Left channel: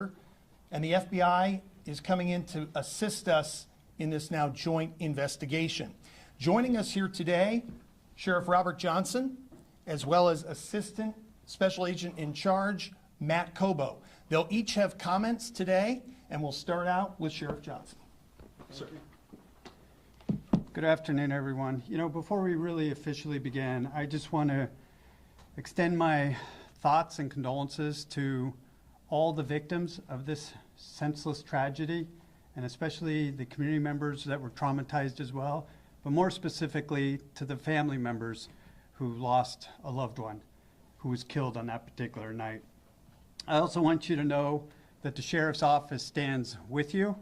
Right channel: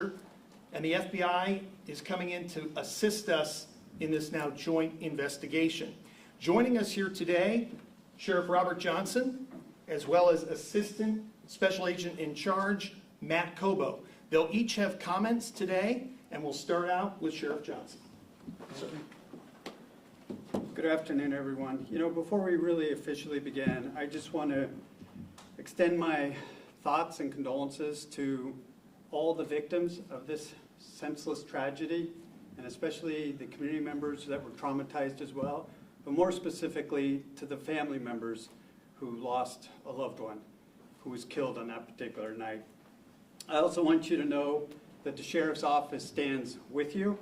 and the FBI is coming in to assist us in this now joint investigation. Joining us here today, Sheriff Robert Johnson, as well as Assistant Special Agent in Charge, Matt Cobo. They'll each have comments today, and we'll start out with Sheriff Johnson. Sir. Good afternoon, everyone. You know, before we really officially begin, I just want to extend my thoughts and condolences to all the victims of this senseless tragedy, and especially the community members that were traumatized as well, but more specifically to the family members who lost a loved one who was killed on that particular night. I also want you to know that the Sheriff's Office stands with you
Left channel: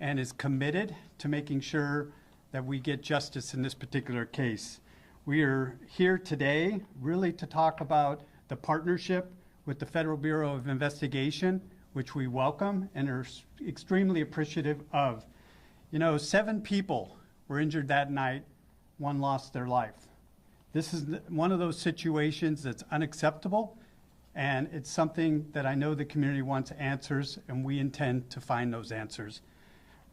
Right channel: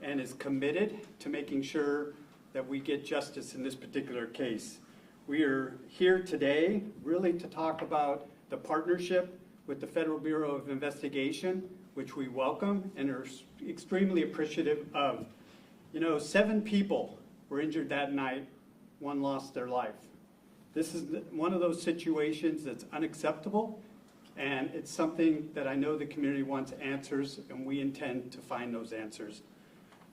and is committed to making sure that we get justice in this particular case. We are here today really to talk about the partnership with the Federal Bureau of Investigation, which we welcome and are extremely appreciative of. You know, 7 people were injured that night, 1 lost their life. This is one of those situations that's unacceptable, and it's something that I know the community wants answers, and we intend to find those answers.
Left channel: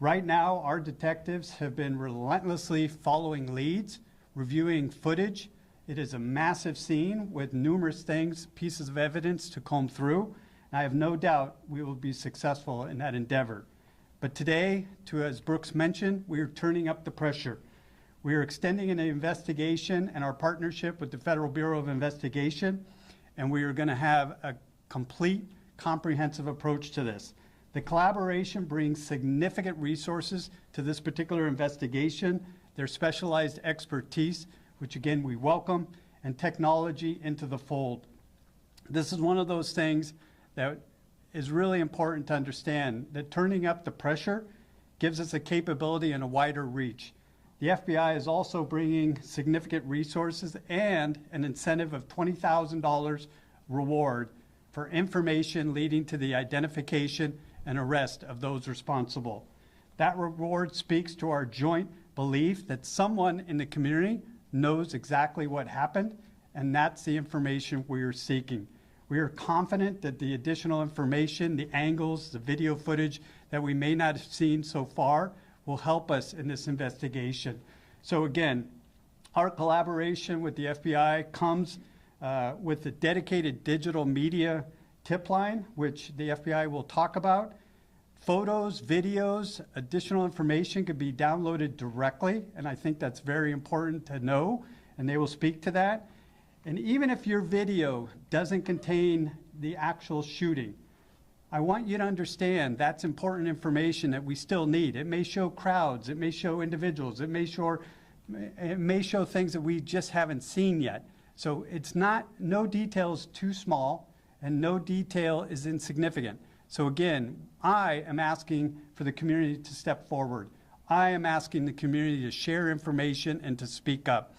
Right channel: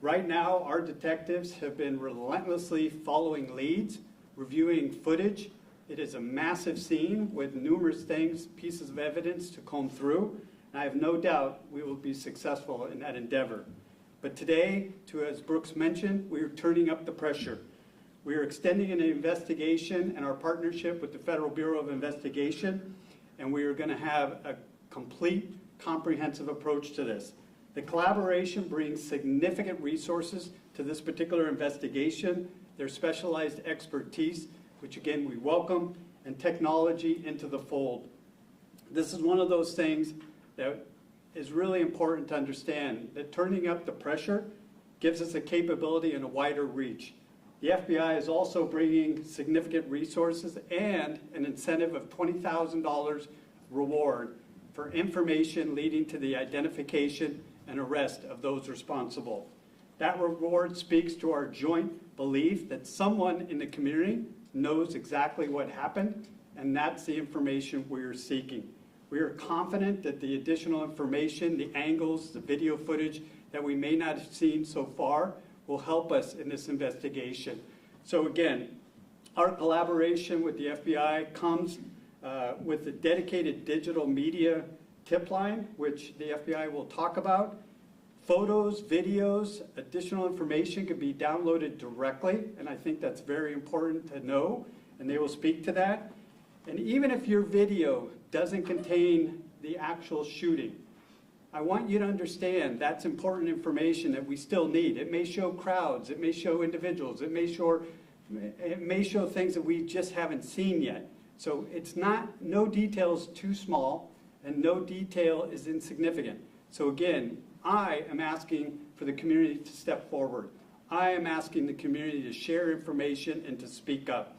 Right now, our detectives have been relentlessly following leads, reviewing footage. It is a massive scene with numerous things, pieces of evidence to comb through. And I have no doubt we will be successful in that endeavor. But today, as Brooks mentioned, we are turning up the pressure. We are extending an investigation and our partnership with the Federal Bureau of Investigation, and we are going to have a complete, comprehensive approach to this. The collaboration brings significant resources to this particular investigation, their specialized expertise, which again we welcome, and technology into the fold. This is one of those things that is really important to understand, that turning up the pressure gives us a capability and a wider reach. The FBI is also bringing significant resources and an incentive of $20,000 reward for information leading to the identification and arrest of those responsible. That reward speaks to our joint belief that someone in the community knows exactly what happened, and that's the information we are seeking. We are confident that the additional information, the angles, the video footage that we may not have seen so far will help us in this investigation. So again, our collaboration with the FBI comes with the dedicated digital media tip line, which the FBI will talk about. Photos, videos, additional information can be downloaded directly, and I think that's very important to know, and they will speak to that. And even if your video doesn't contain the actual shooting, I want you to understand that's important information that we still need. It may show crowds, it may show individuals, it may show things that we just haven't seen yet. So it's not, no detail is too small, and no detail is insignificant. So again, I am asking for the community to step forward. I am asking the community to share information and to speak up.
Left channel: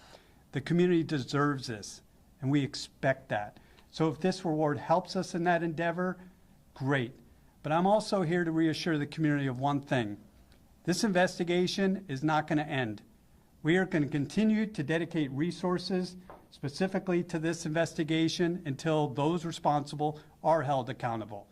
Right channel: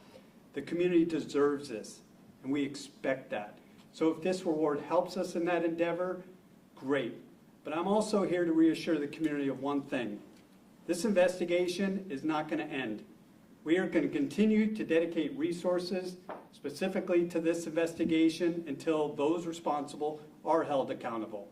The community deserves this, and we expect that. So if this reward helps us in that endeavor, great. But I'm also here to reassure the community of one thing. This investigation is not going to end. We are going to continue to dedicate resources specifically to this investigation until those responsible are held accountable.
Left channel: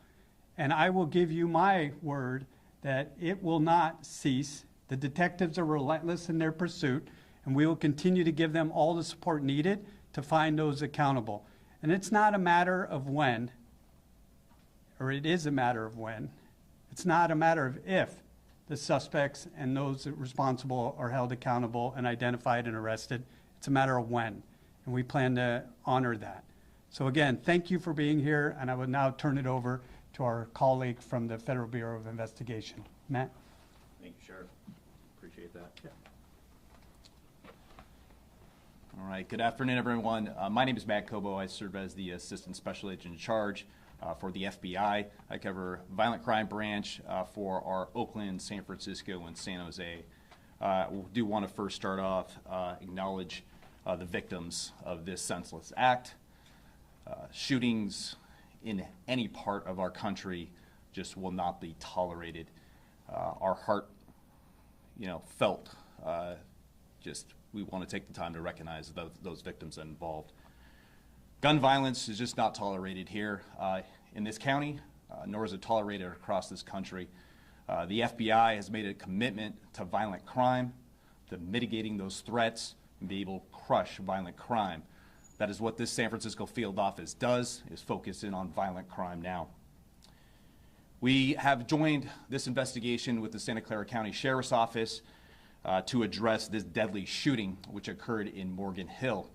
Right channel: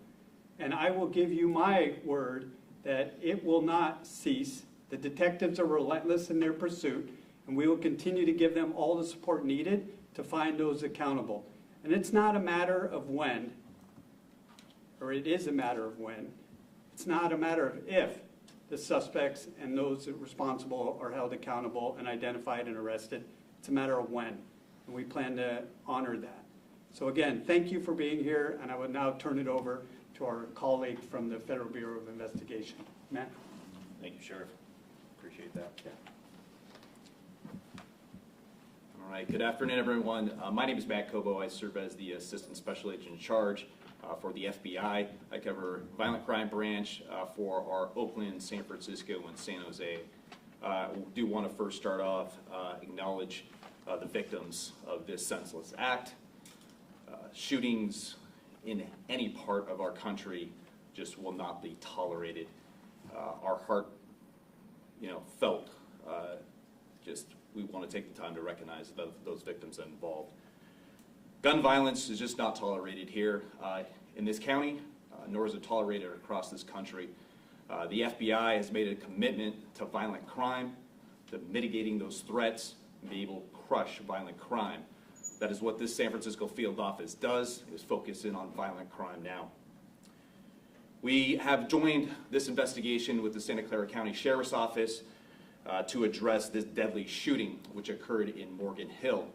And I will give you my word that it will not cease. The detectives are relentless in their pursuit, and we will continue to give them all the support needed to find those accountable. And it's not a matter of when, or it is a matter of when. It's not a matter of if the suspects and those responsible are held accountable and identified and arrested. It's a matter of when, and we plan to honor that. So again, thank you for being here, and I will now turn it over to our colleague from the Federal Bureau of Investigation. Matt? Thank you, Sheriff. Appreciate that. Yeah. All right, good afternoon, everyone. My name is Matt Cobo. I serve as the Assistant Special Agent in Charge for the FBI. I cover Violent Crime Branch for our Oakland, San Francisco, and San Jose. We do want to first start off, acknowledge the victims of this senseless act. Shootings in any part of our country just will not be tolerated. Our heart, felt. We want to take the time to recognize those victims involved. Gun violence is just not tolerated here in this county. nor is it tolerated across this country. The FBI has made a commitment to violent crime, to mitigating those threats, and be able to crush violent crime. That is what this San Francisco field office does, is focus in on violent crime now. We have joined this investigation with the Santa Clara County Sheriff's Office to address this deadly shooting which occurred in Morgan Hill.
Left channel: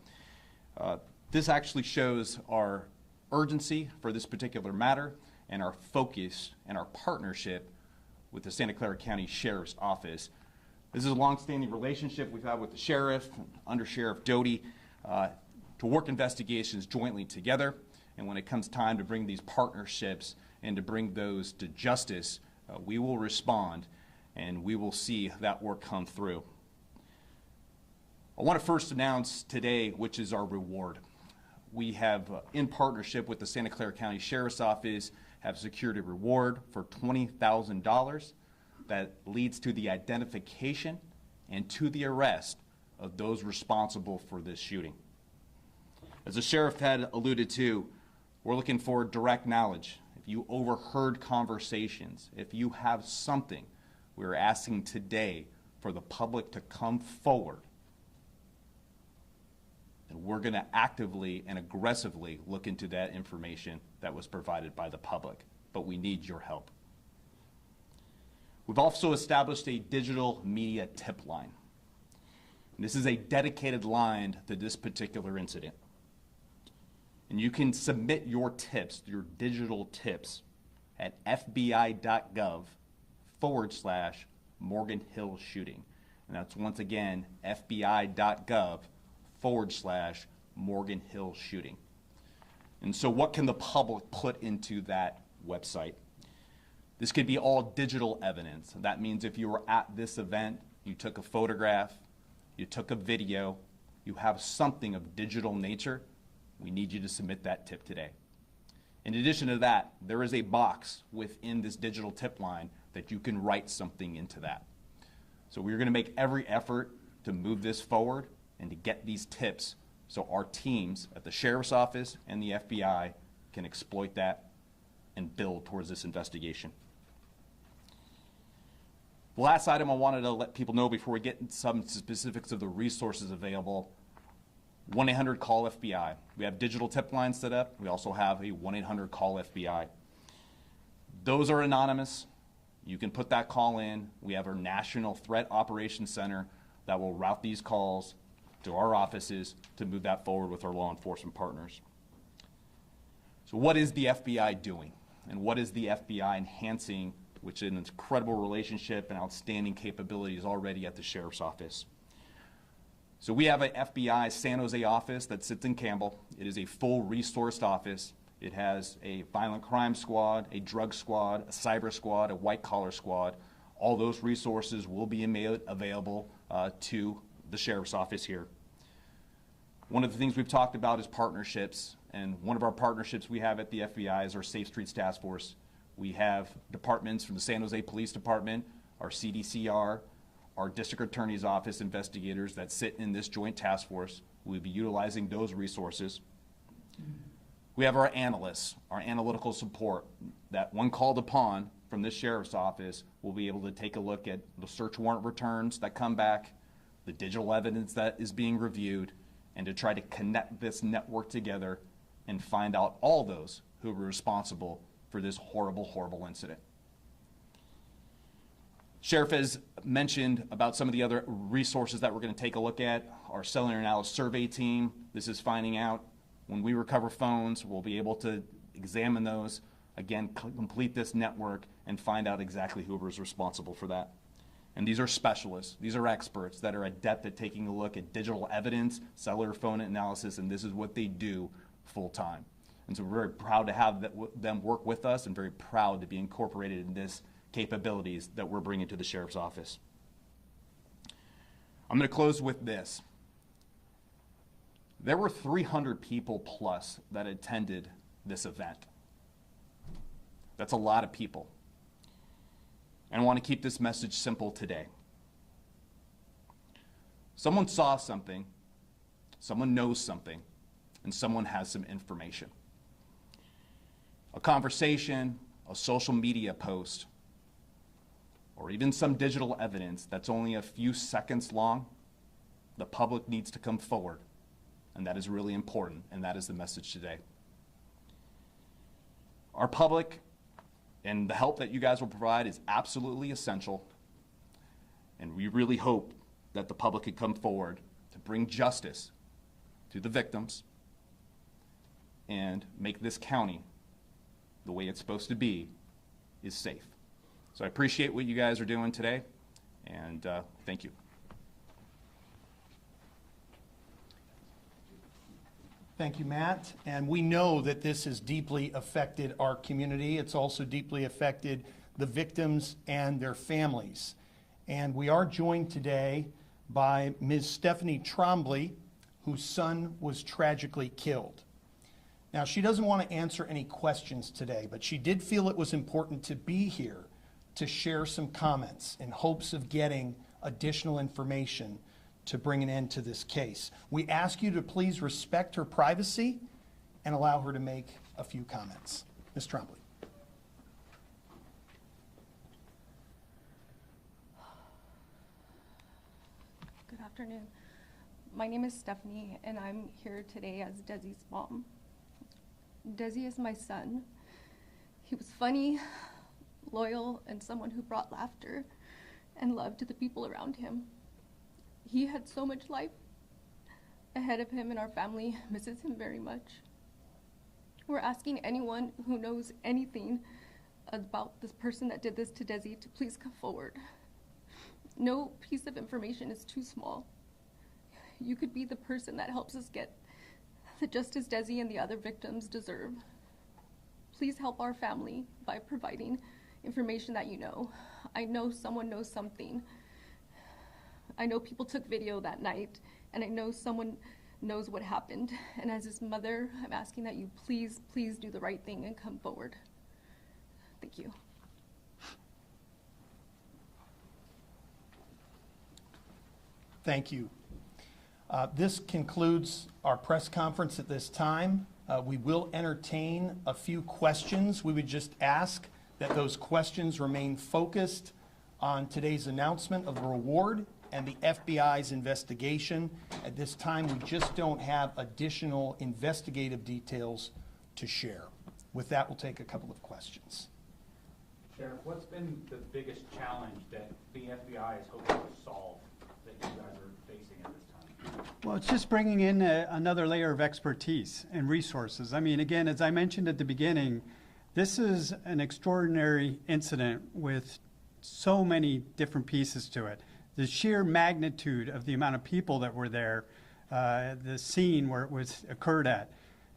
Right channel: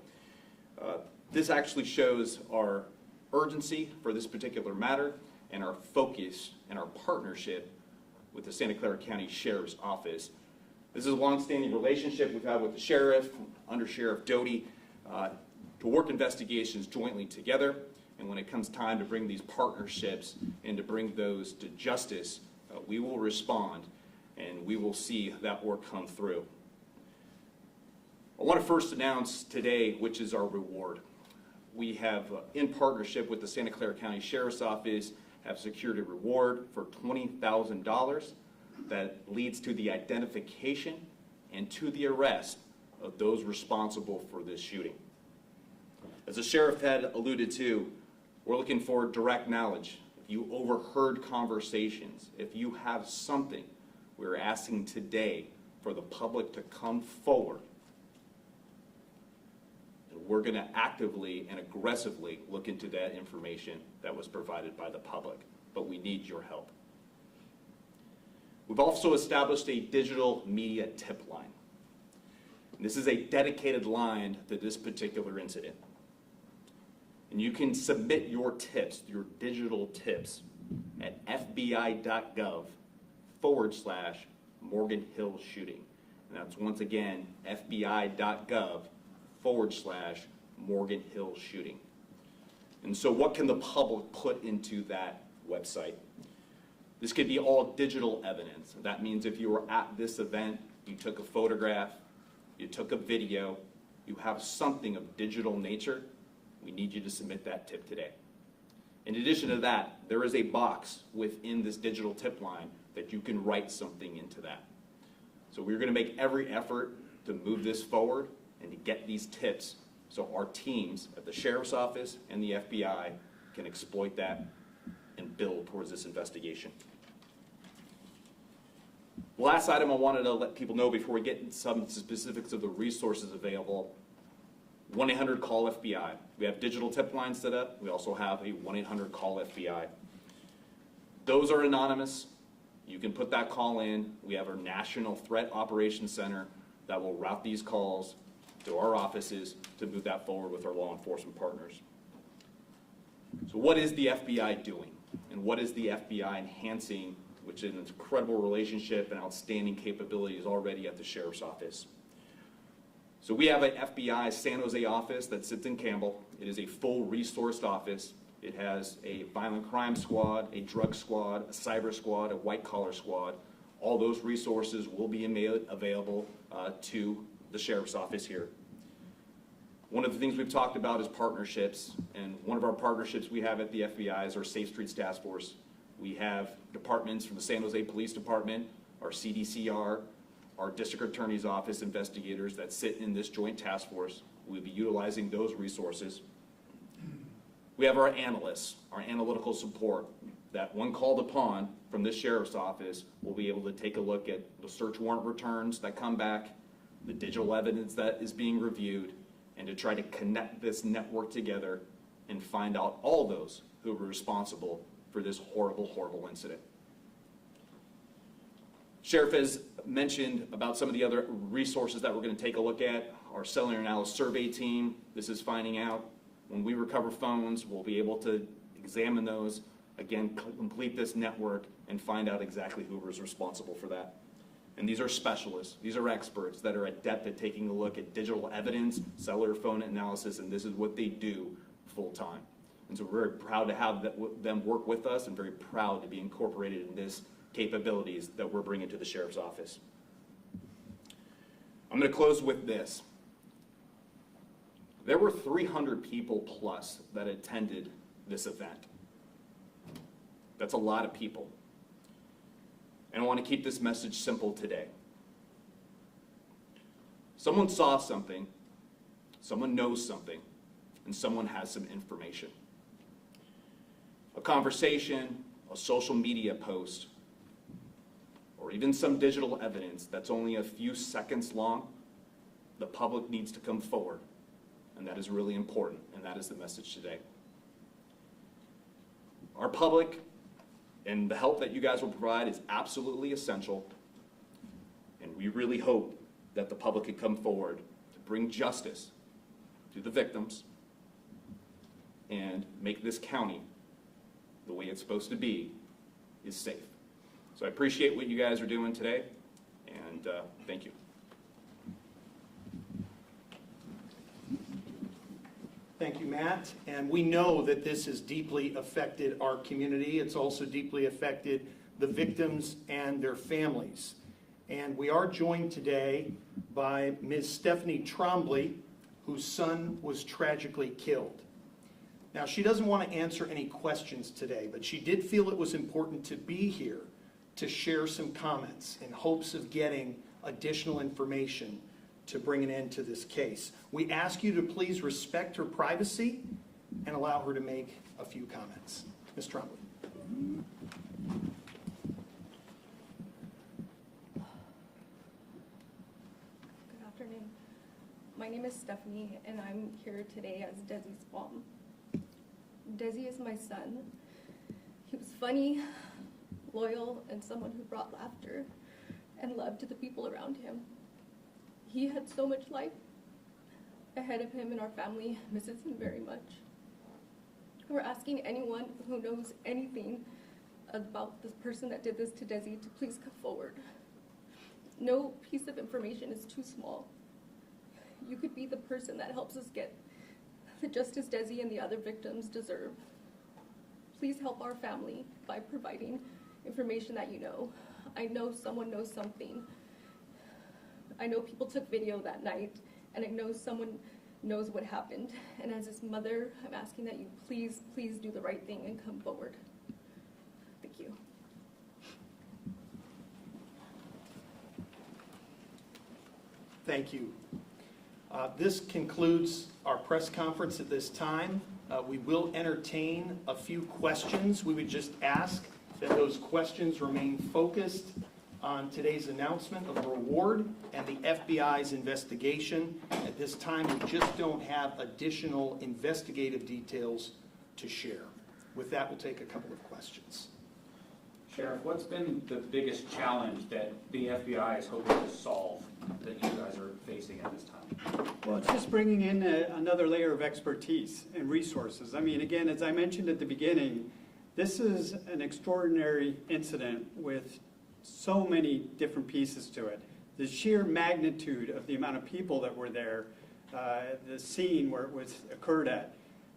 This actually shows our urgency for this particular matter and our focus and our partnership with the Santa Clara County Sheriff's Office. This is a long-standing relationship we've had with the sheriff, Under Sheriff Doty, to work investigations jointly together. And when it comes time to bring these partnerships and to bring those to justice, we will respond and we will see that work come through. I want to first announce today which is our reward. We have, in partnership with the Santa Clara County Sheriff's Office, have secured a reward for $20,000 that leads to the identification and to the arrest of those responsible for this shooting. As the sheriff had alluded to, we're looking for direct knowledge. If you overheard conversations, if you have something, we're asking today for the public to come forward. And we're going to actively and aggressively look into that information that was provided by the public. But we need your help. We've also established a digital media tip line. And this is a dedicated line to this particular incident. And you can submit your tips, your digital tips, at fbi.gov/Morgan Hill shooting. And that's once again fbi.gov/Morgan Hill shooting. And so what can the public put into that website? This could be all digital evidence. That means if you were at this event, you took a photograph, you took a video, you have something of digital nature, we need you to submit that tip today. In addition to that, there is a box within this digital tip line that you can write something into that. So we're going to make every effort to move this forward and to get these tips so our teams at the Sheriff's Office and the FBI can exploit that and build towards this investigation. The last item I wanted to let people know before we get into some specifics of the resources available, 1-800-CALL-FBI. We have digital tip lines set up. We also have a 1-800-CALL-FBI. Those are anonymous. You can put that call in. We have our National Threat Operations Center that will route these calls to our offices to move that forward with our law enforcement partners. So what is the FBI doing? And what is the FBI enhancing, which is an incredible relationship and outstanding capabilities already at the Sheriff's Office? So we have an FBI San Jose office that sits in Campbell. It is a full resourced office. It has a violent crime squad, a drug squad, a cyber squad, a white collar squad. All those resources will be made available to the Sheriff's Office here. One of the things we've talked about is partnerships, and one of our partnerships we have at the FBI is our Safe Streets Task Force. We have departments from the San Jose Police Department, our CDCR, our District Attorney's Office investigators that sit in this joint task force. We'll be utilizing those resources. We have our analysts, our analytical support, that when called upon from this Sheriff's Office, will be able to take a look at the search warrant returns that come back, the digital evidence that is being reviewed, and to try to connect this network together and find out all those who were responsible for this horrible, horrible incident. Sheriff has mentioned about some of the other resources that we're going to take a look at. Our cellular analysis survey team, this is finding out when we recover phones, we'll be able to examine those, again, complete this network and find out exactly who was responsible for that. And these are specialists, these are experts that are adept at taking a look at digital evidence, cellular phone analysis, and this is what they do full time. And so we're very proud to have them work with us and very proud to be incorporated in this capabilities that we're bringing to the Sheriff's Office. I'm going to close with this. There were 300 people plus that attended this event. That's a lot of people. And I want to keep this message simple today. Someone saw something, someone knows something, and someone has some information. A conversation, a social media post, or even some digital evidence that's only a few seconds long, the public needs to come forward. And that is really important, and that is the message today. Our public and the help that you guys will provide is absolutely essential, and we really hope that the public can come forward to bring justice to the victims and make this county the way it's supposed to be, is safe. So I appreciate what you guys are doing today, and thank you. Thank you, Matt. And we know that this has deeply affected our community. It's also deeply affected the victims and their families. And we are joined today by Ms. Stephanie Trombley, whose son was tragically killed. Now, she doesn't want to answer any questions today, but she did feel it was important to be here to share some comments in hopes of getting additional information to bring an end to this case. We ask you to please respect her privacy and allow her to make a few comments. Ms. Trombley. Good afternoon. My name is Stephanie, and I'm here today as Desi's mom. Desi is my son. He was funny, loyal, and someone who brought laughter and love to the people around him. He had so much life ahead of him, and our family misses him very much. We're asking anyone who knows anything about this person that did this to Desi to please come forward. No piece of information is too small. You could be the person that helps us get the justice Desi and the other victims deserve. Please help our family by providing information that you know. I know someone knows something. I know people took video that night, and I know someone knows what happened. And as his mother, I'm asking that you please, please do the right thing and come forward. Thank you. Thank you. This concludes our press conference at this time. We will entertain a few questions. We would just ask that those questions remain focused on today's announcement of the reward and the FBI's investigation. At this time, we just don't have additional investigative details to share. With that, we'll take a couple of questions. Sheriff, what's been the biggest challenge that the FBI is hoping to solve that you guys are facing at this time? Well, it's just bringing in another layer of expertise and resources. I mean, again, as I mentioned at the beginning, this is an extraordinary incident with so many different pieces to it. The sheer magnitude of the amount of people that were there, the scene where it was occurred at.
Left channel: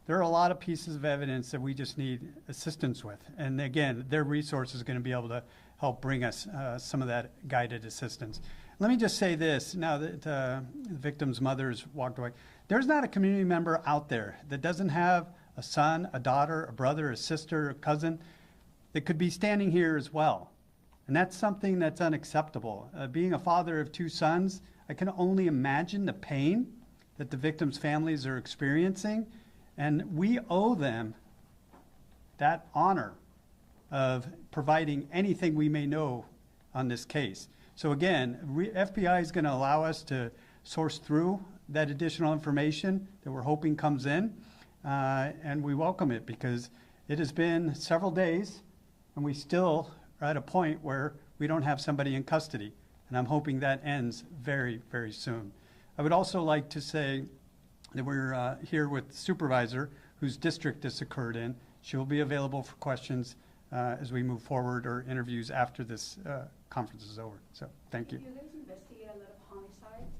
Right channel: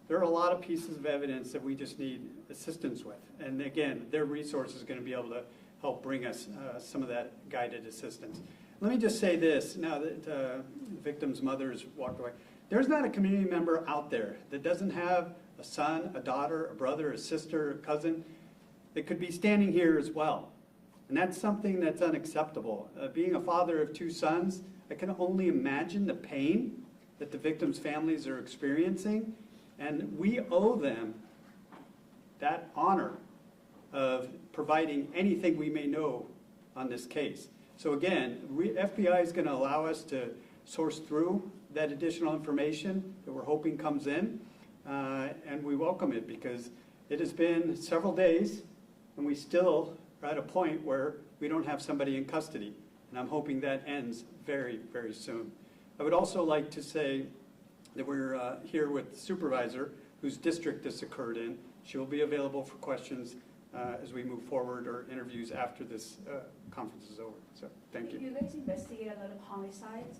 There are a lot of pieces of evidence that we just need assistance with. And again, their resource is going to be able to help bring us some of that guided assistance. Let me just say this, now that the victim's mother's walked away. There's not a community member out there that doesn't have a son, a daughter, a brother, a sister, a cousin that could be standing here as well. And that's something that's unacceptable. Being a father of two sons, I can only imagine the pain that the victims' families are experiencing. And we owe them that honor of providing anything we may know on this case. So again, FBI is going to allow us to source through that additional information that we're hoping comes in. And we welcome it because it has been several days and we still are at a point where we don't have somebody in custody. And I'm hoping that ends very, very soon. I would also like to say that we're here with the supervisor whose district this occurred in. She will be available for questions as we move forward or interviews after this conference is over. So thank you. You guys investigate a lot of homicides,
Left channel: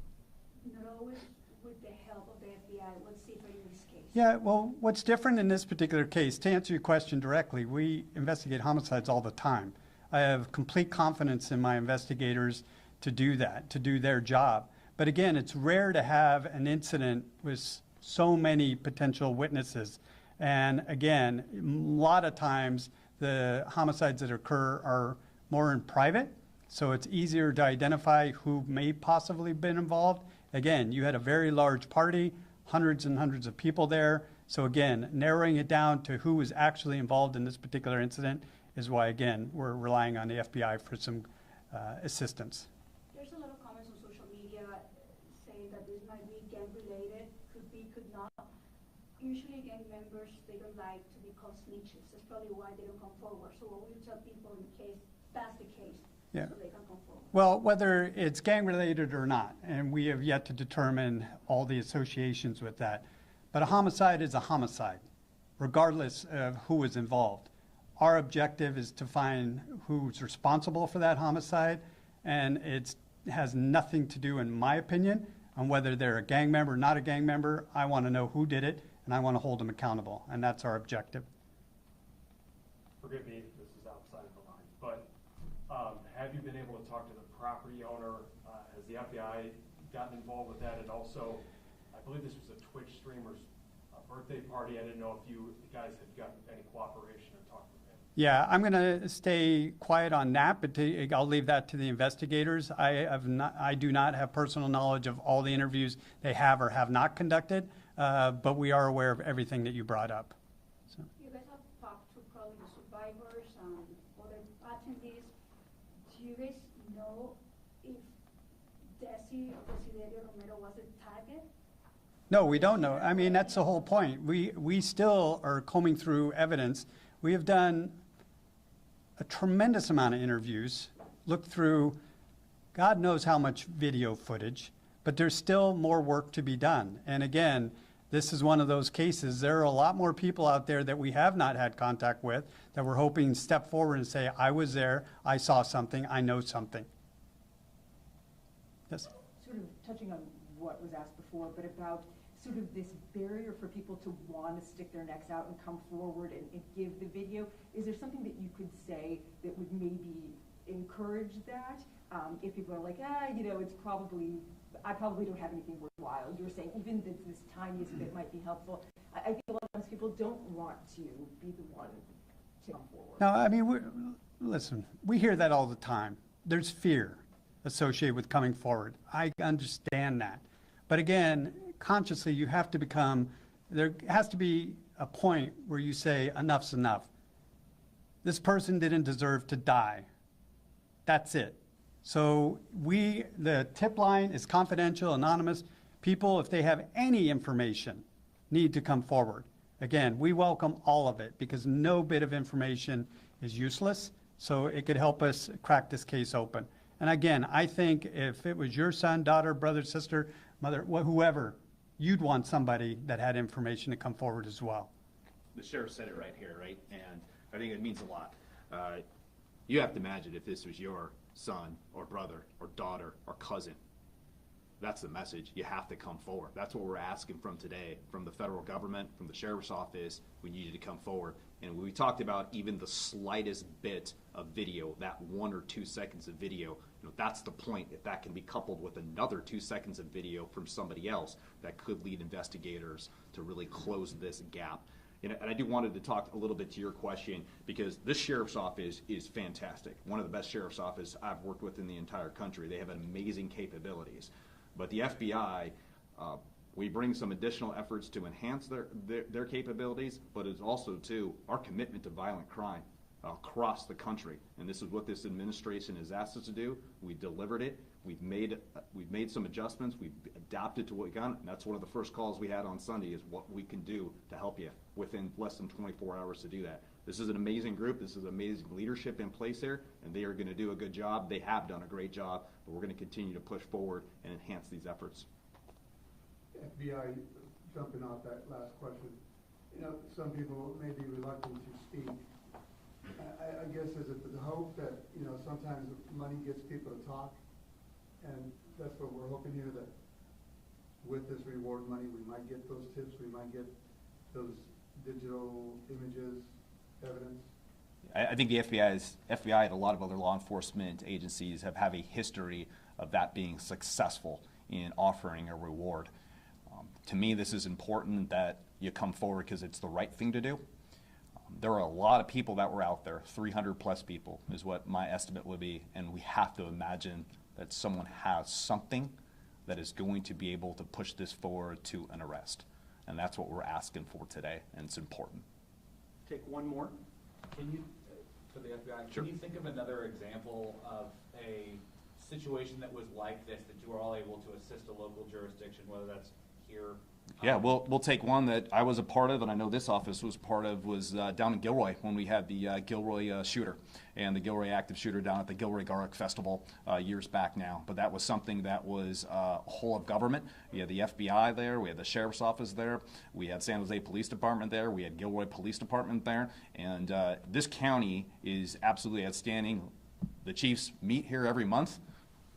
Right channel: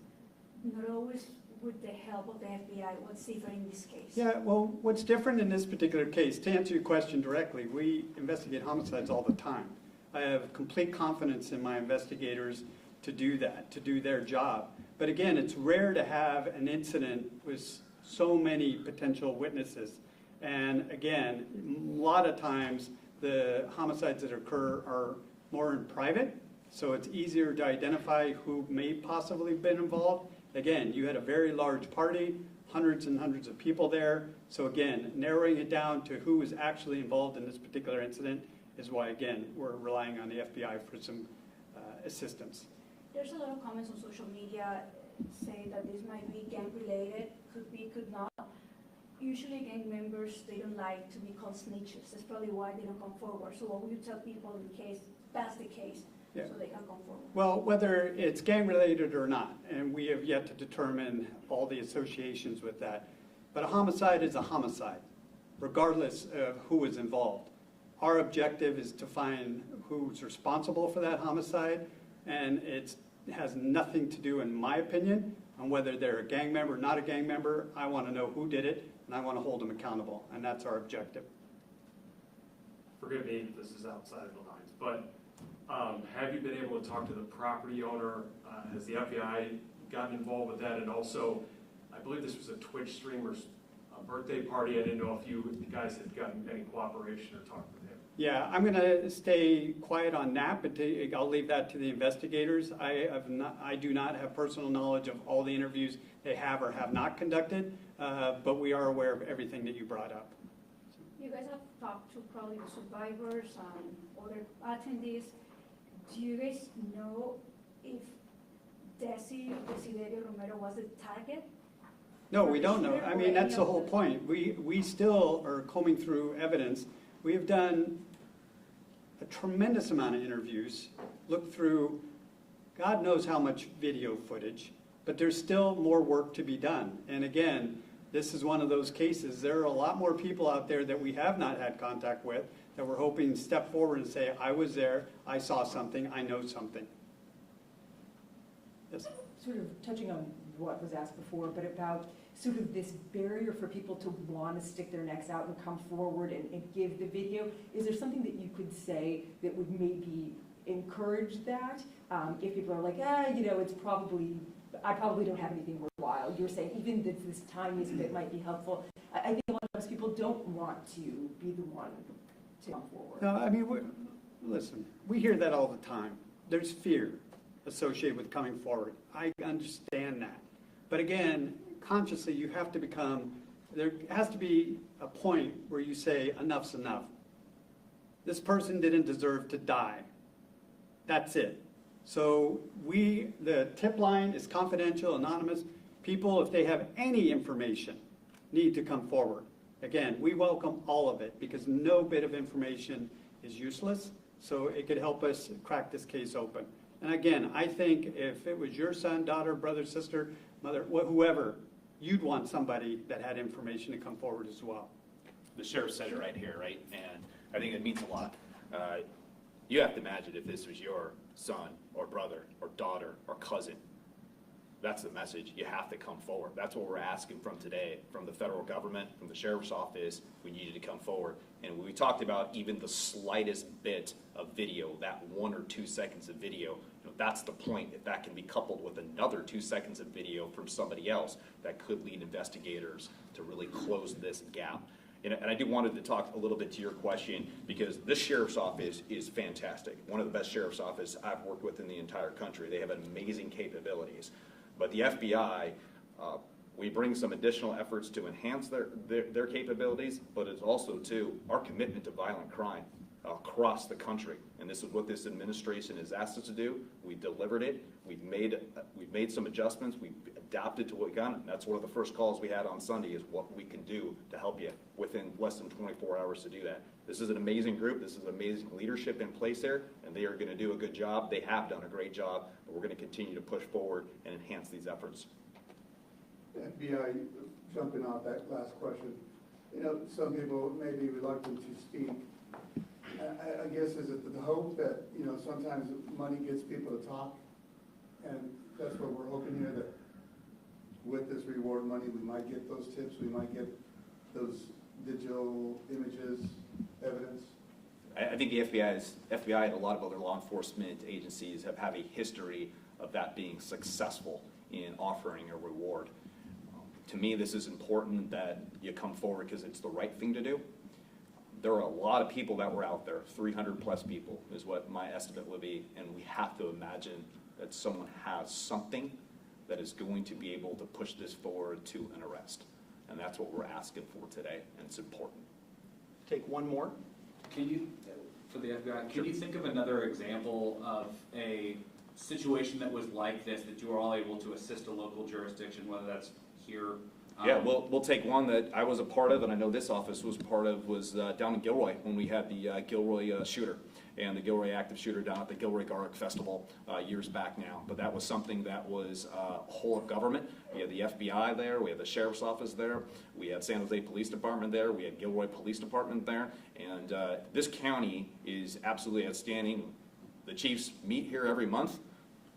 not always with the help of the FBI. What's different in this case? Yeah, well, what's different in this particular case, to answer your question directly, we investigate homicides all the time. I have complete confidence in my investigators to do that, to do their job. But again, it's rare to have an incident with so many potential witnesses. And again, a lot of times the homicides that occur are more in private, so it's easier to identify who may possibly have been involved. Again, you had a very large party, hundreds and hundreds of people there. So again, narrowing it down to who was actually involved in this particular incident is why, again, we're relying on the FBI for some assistance. There's a lot of comments on social media saying that this might be gang related, could be, could not. Usually gang members, they don't like to be called snitches. That's probably why they don't come forward. So what would you tell people in case that's the case, Yeah. so they can come forward? Well, whether it's gang related or not, and we have yet to determine all the associations with that, but a homicide is a homicide, regardless of who is involved. Our objective is to find who's responsible for that homicide, and it has nothing to do, in my opinion, on whether they're a gang member or not a gang member. I want to know who did it, and I want to hold them accountable, and that's our objective. Forgive me, this is outside of the lines, but have you been able to talk to the property owner? Has the FBI gotten involved with that? And also, I believe this was a Twitch streamer's birthday party. I didn't know if you guys had gotten any cooperation or talked with him. Yeah, I'm going to stay quiet on that, but I'll leave that to the investigators. I do not have personal knowledge of all the interviews they have or have not conducted, but we are aware of everything that you brought up. So. You guys have talked to probably the survivors, other attendees. Do you guys know if Desiderio Romero was a target? No, we don't know. I mean, that's the whole point. We still are combing through evidence. We have done a tremendous amount of interviews, looked through God knows how much video footage, but there's still more work to be done. And again, this is one of those cases. There are a lot more people out there that we have not had contact with that we're hoping to step forward and say, I was there, I saw something, I know something. Yes? Sort of touching on what was asked before, but about sort of this barrier for people to want to stick their necks out and come forward and give the video. Is there something that you could say that would maybe encourage that? If people are like, it's probably, I probably don't have anything worthwhile. You're saying even this tiniest bit might be helpful. I think a lot of times people don't want to be the one to come forward. No, I mean, listen, we hear that all the time. There's fear associated with coming forward. I understand that. But again, consciously, you have to there has to be a point where you say, enough's enough. This person didn't deserve to die. That's it. So the tip line is confidential, anonymous. People, if they have any information, need to come forward. Again, we welcome all of it because no bit of information is useless. So it could help us crack this case open. And again, I think if it was your son, daughter, brother, sister, mother, whoever, you'd want somebody that had information to come forward as well. The sheriff said it right here, right? And I think it means a lot. You have to imagine if this was your son or brother or daughter or cousin. That's the message. You have to come forward. That's what we're asking from today, from the federal government, from the sheriff's office. We need you to come forward. And we talked about even the slightest bit of video, that 1 or 2 seconds of video, that's the point. If that can be coupled with another 2 seconds of video from somebody else, that could lead investigators to really close this gap. And I do wanted to talk a little bit to your question because this sheriff's office is fantastic. One of the best sheriff's offices I've worked with in the entire country. They have amazing capabilities. But the FBI, we bring some additional efforts to enhance their capabilities, but it's also, too, our commitment to violent crime across the country. And this is what this administration has asked us to do. We delivered it. We've made some adjustments. We've adapted to what we've done. And that's one of the first calls we had on Sunday is what we can do to help you within less than 24 hours to do that. This is an amazing group. This is amazing leadership in place there, and they are going to do a good job. They have done a great job, but we're going to continue to push forward and enhance these efforts. FBI, jumping off that last question, some people may be reluctant to speak. I guess is it the hope that, sometimes money gets people to talk, and that's what we're hoping here, that with this reward money, we might get those tips, we might get those digital images, evidence. I think the FBI and a lot of other law enforcement agencies have a history of that being successful in offering a reward. To me, this is important that you come forward because it's the right thing to do. There are a lot of people that were out there, 300 plus people is what my estimate would be, and we have to imagine that someone has something that is going to be able to push this forward to an arrest. And that's what we're asking for today, and it's important. Take one more. Can you, for the FBI. Can you think of another example of a situation that was like this, that you were all able to assist a local jurisdiction, whether that's here? Yeah, we'll take one that I was a part of, and I know this office was part of, was down in Gilroy when we had the Gilroy shooter and the Gilroy active shooter down at the Gilroy Garlic Festival years back now. But that was something that was whole of government. We had the FBI there, we had the Sheriff's Office there, we had San Jose Police Department there, we had Gilroy Police Department there, and this county is absolutely outstanding. The chiefs meet here every month,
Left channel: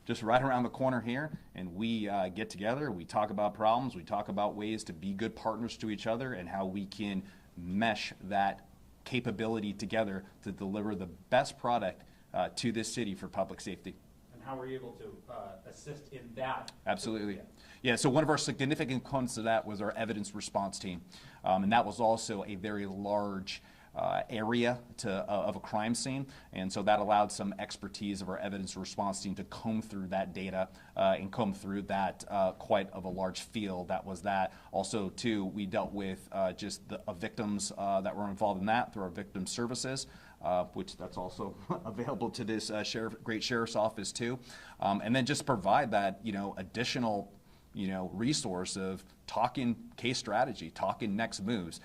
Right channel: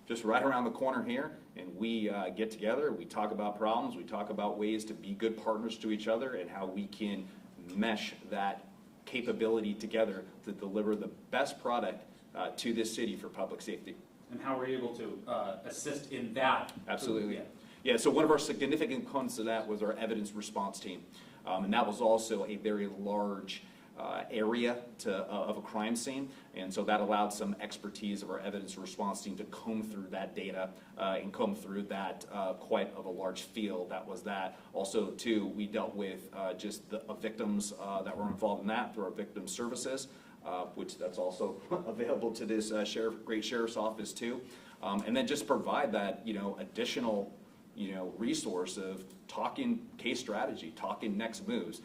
just right around the corner here, and we get together, we talk about problems, we talk about ways to be good partners to each other and how we can mesh that capability together to deliver the best product to this city for public safety. And how were you able to assist in that? Absolutely. Yeah, so one of our significant components of that was our evidence response team. And that was also a very large area of a crime scene, and so that allowed some expertise of our evidence response team to comb through that data and comb through that quite of a large field. That was that. Also, too, we dealt with just the victims that were involved in that through our victim services, which that's also available to this great sheriff's office too, and then just provide that additional resource of talking case strategy, talking next moves.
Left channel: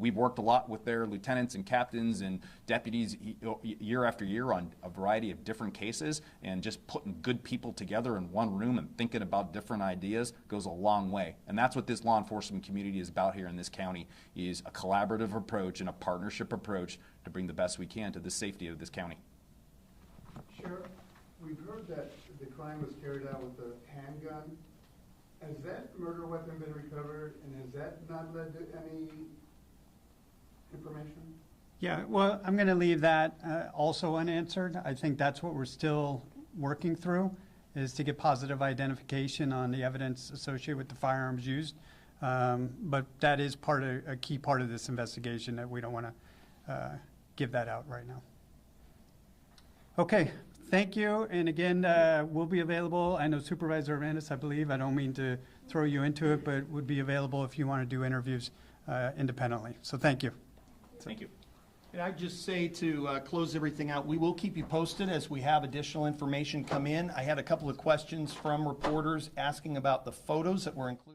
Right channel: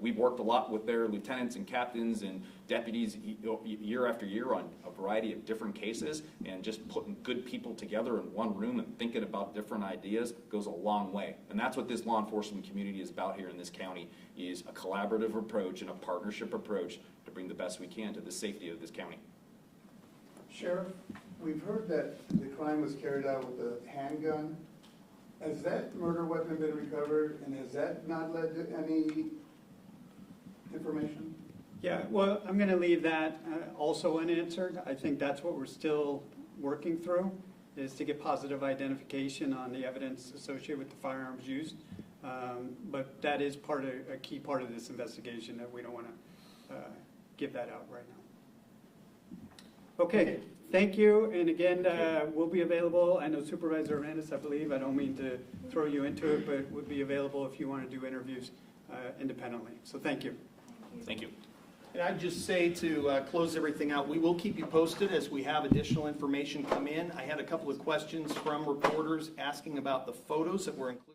We've worked a lot with their lieutenants and captains and deputies year after year on a variety of different cases, and just putting good people together in one room and thinking about different ideas goes a long way. And that's what this law enforcement community is about here in this county, is a collaborative approach and a partnership approach to bring the best we can to the safety of this county. Sheriff, we've heard that the crime was carried out with a handgun. Has that murder weapon been recovered, and has that not led to any information? Yeah, well, I'm going to leave that also unanswered. I think that's what we're still working through, is to get positive identification on the evidence associated with the firearms used. But that is a key part of this investigation that we don't want to give that out right now. Okay. Thank you, and again, we'll be available. I know Supervisor Arandas, I believe, I don't mean to throw you into it, but would be available if you want to do interviews independently. So thank you. Thank you. And I'd just say to close everything out, we will keep you posted as we have additional information come in. I had a couple of questions from reporters asking about the photos that were included.